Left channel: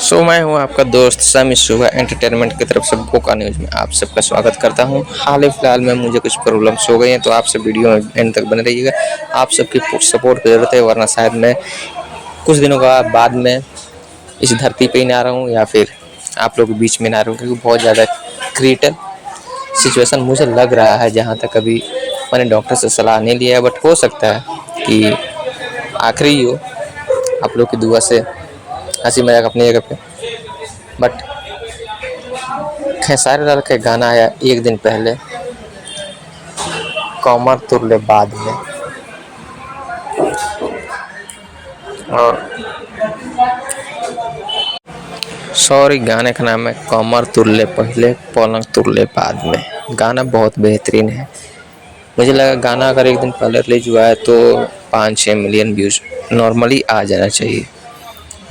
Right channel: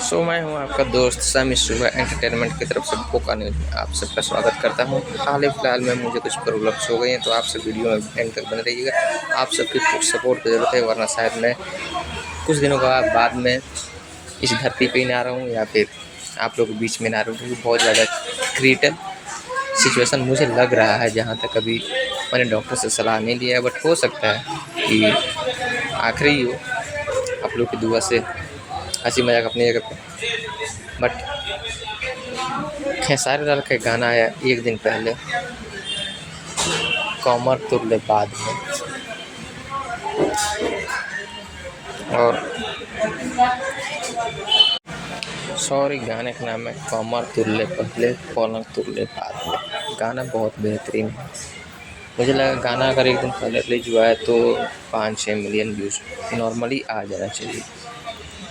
मैं हूँ आपका दोस्त समी सुबह एंटरटेनमेंट की तरफ से बोका न्यूज़ में आप सबका स्वागत करता हूँ। हाल ही फिलहाल में मुझे कुछ प्रॉब्लम्स हो गई हैं, तो आपसे वीडियो में एंड तक बने रहिएगा। आप सबकी सपोर्ट की ज़रूरत है, वरना शायद मैं कुछ दिनों बाद में इस धरती पे ही ना रहूँ या फिर आप लोगों के बीच में ना रहूँ, क्योंकि बहुत ज़्यादा क्रिटिकल सिचुएशन मुझे लग रहा है। जहाँ तक अभी मैंने डॉक्टर से सलाह नहीं लिया है, बट हो सकता है कि आखिरी ही हो। आप लोग की दुआ से हंसी मजाक अपनी जगह पे, बट खेसारी लाल का गाना आया एक दिन पहले, कमर तुरले बाद में। और सॉरी, गाने का नाम है कमर तुरले पहले पलंग तुरले बाद में। गाना बहुत बेहतरीन है। मुझे लगा गाना अगर एक दिन पहले रिलीज हुआ है तो 5-6 मिलियन व्यूज़ नॉर्मली आ जाना चाहिए,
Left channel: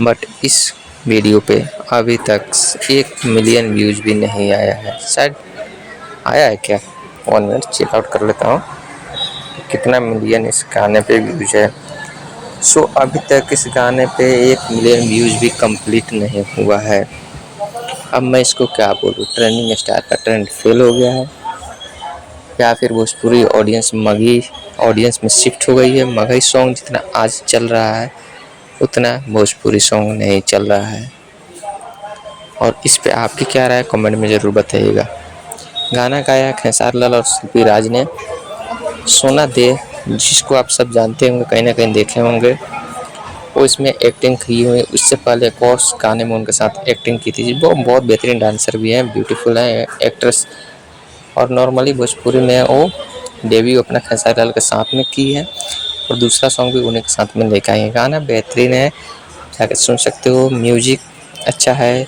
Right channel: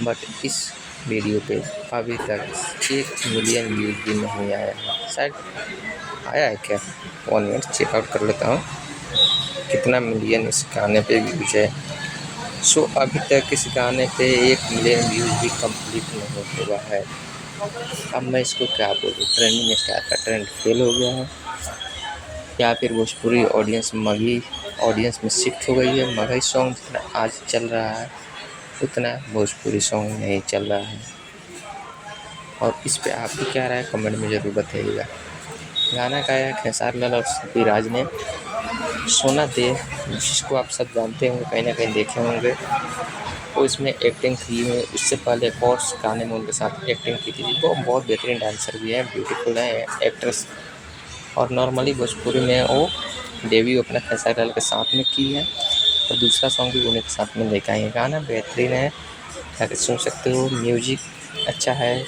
बट इस वीडियो पे अभी तक 1 मिलियन व्यूज़ भी नहीं आया है। शायद आया है क्या, 1 मिनट चेक आउट कर लेता हूँ कितना मिलियन इस गाने पे व्यूज़ है। अभी तक इस गाने पे 1 मिलियन व्यूज़ भी कंप्लीट नहीं हुआ है। अब मैं इसको क्या बोलूँ, ट्रेंडिंग स्टार का ट्रेंड फेल हो गया है या फिर भोजपुरी ऑडियंस मगही ऑडियंस में शिफ्ट हो गई है। मगही सॉन्ग जितना आज चल रहा है उतना भोजपुरी सॉन्ग नहीं चल रहा है। और इस पे आपकी क्या राय है, कमेंट में ज़रूर बताइएगा। गाना गाया खेसारी लाल और शिल्पी राज ने। सोना दे, जिसको आप सब जानते होंगे, कहीं ना कहीं देखे होंगे, वो इसमें एक्टिंग की हुई। इससे पहले एक और गाने में उनके साथ एक्टिंग की थी। वो बहुत बेहतरीन डांसर भी हैं, ब्यूटीफुल हैं एक्ट्रेस। और नॉर्मली भोजपुरी में वो डेब्यू अपना खेसारी लाल के साथ में की है, और दूसरा सॉन्ग भी उन्हीं के साथ में लेकर आए हैं। गाना बेहतरीन है, जाकर सुन सकते हो। म्यूजिक अच्छा है।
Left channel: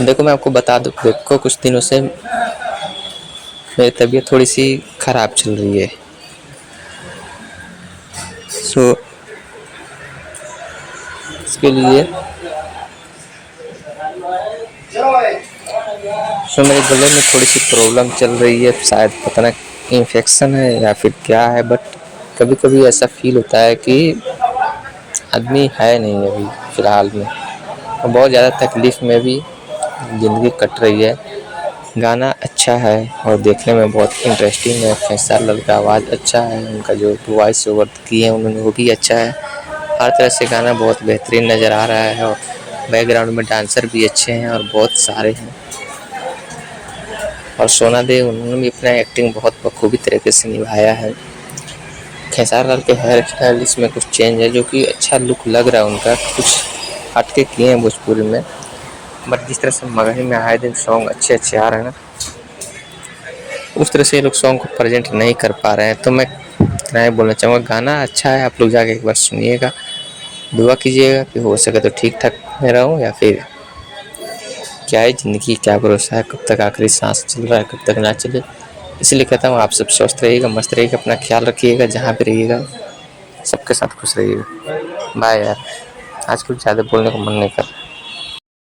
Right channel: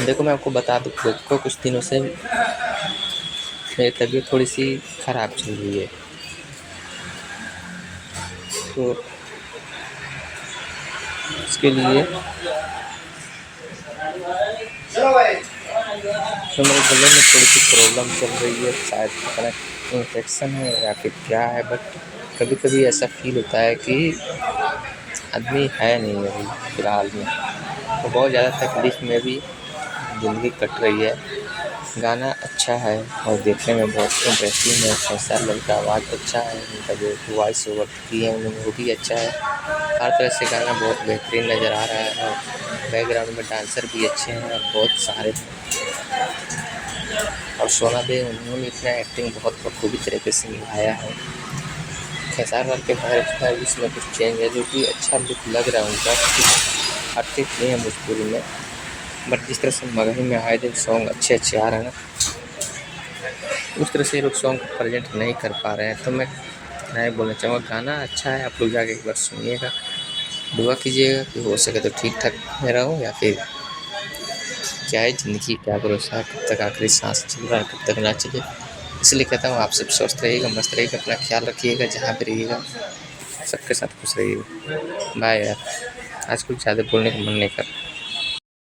देखो मैं आपको बता दूँ, देखो कुछ दिनों से मेरी तबीयत थोड़ी सी ख़राब चल रही है। इसके लिए मेरे गले में थोड़ी सी प्रॉब्लम चल रही है। शायद पता नहीं इन्फेक्शन है या फिर क्या है, बट कभी कभी ऐसा फील होता है कि आदमी है नहीं अभी फ़िलहाल में, और बहुत ज़्यादा तकलीफ़ में भी ज़िंदगी कट रही है। गाना अच्छा है और देखने में बहुत इंटरेस्टिंग है। खेसारी लाल का आवाज़ अच्छा है, उनका जो वॉइस ओवर किए हैं उन्होंने वो भी अच्छा है। हर तरह से गाना बहुत बेहतरीन नज़र आ रहा है, और बैकग्राउंड में डांसर भी अच्छे हैं और बहुत सारे हैं। और सोना दे, उन्होंने भी अपना एक्टिंग बहुत बखूबी तरीके से निभाया है। खेसारी लाल के हेयर स्टाइल इसमें कुछ चेंज है, जो कि अच्छा लुक लग रहा है उनका। कुछ हटके किए हैं भोजपुरी में, बट जिस तरह से मगही में आए दिन सॉन्ग अच्छे अच्छे आ रहे हैं ना, उस तरह से ये लोग सॉन्ग को प्रेजेंट नहीं कर पा रहे हैं। तो मैं इतना ही बोलना चाहूँगा, गाना अच्छा है, आप लोग जाके एक बार सुनिएगा। दुआ कीजिएगा कि हो सके तो ठीक ठाक में रहूँ, या फिर क्या है ज़िंदगी, क्या भरोसा है, कब तक आखिरी सांस चल रहा है, कब तक ना चले। इसलिए कहता हूँ आप सब स्वस्थ रहिएगा, मस्त रहिएगा, अपना ख्याल रखिएगा, जहाँ पे रहिएगा सबके साथ खुश रहिएगा। बाय यार, आज कुछ ज़्यादा बोलने का मन नहीं कर रहा।